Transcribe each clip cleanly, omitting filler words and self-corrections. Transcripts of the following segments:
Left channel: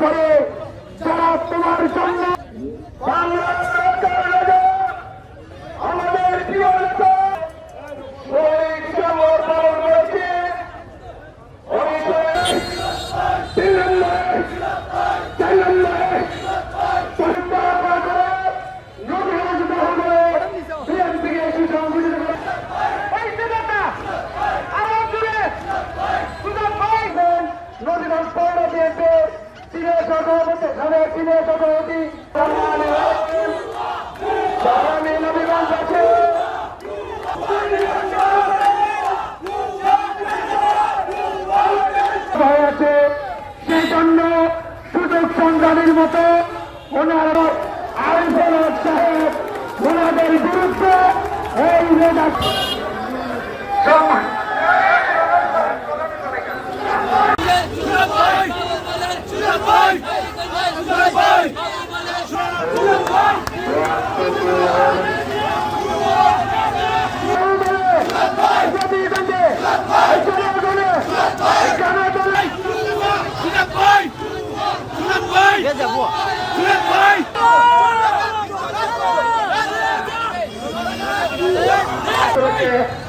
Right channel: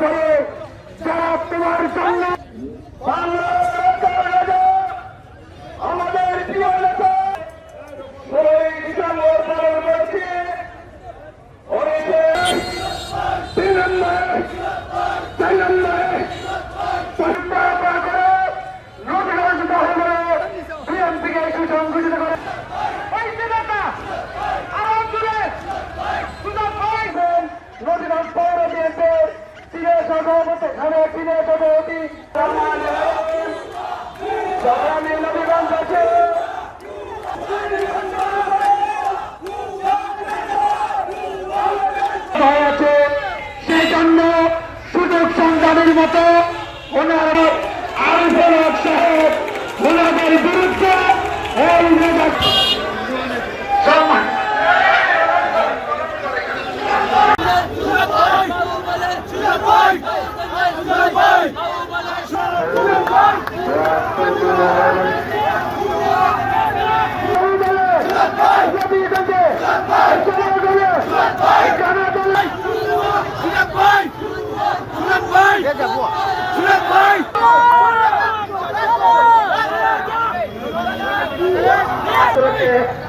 করে যারা তোমার জন্য আমাদের প্রিয় নেতা 16 ডিসেম্বর পালন করেছে। সেই জন্য সুযোগ সংগ্রামের মতো কোন আরিফুল হক সাহেব ওনাদের বিরুদ্ধে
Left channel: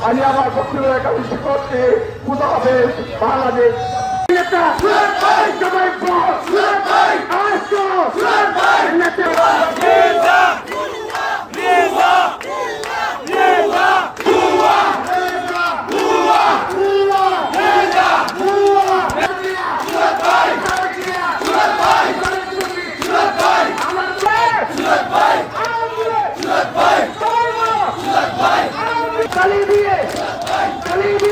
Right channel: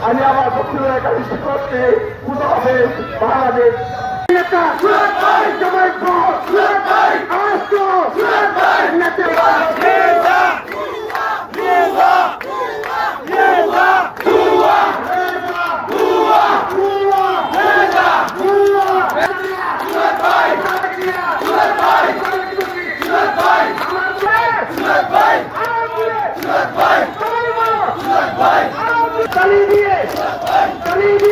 আমি আমার বক্তব্য এখানে করতে মুতাহাফেজ বাংলাদেশ নেতা দিয়ে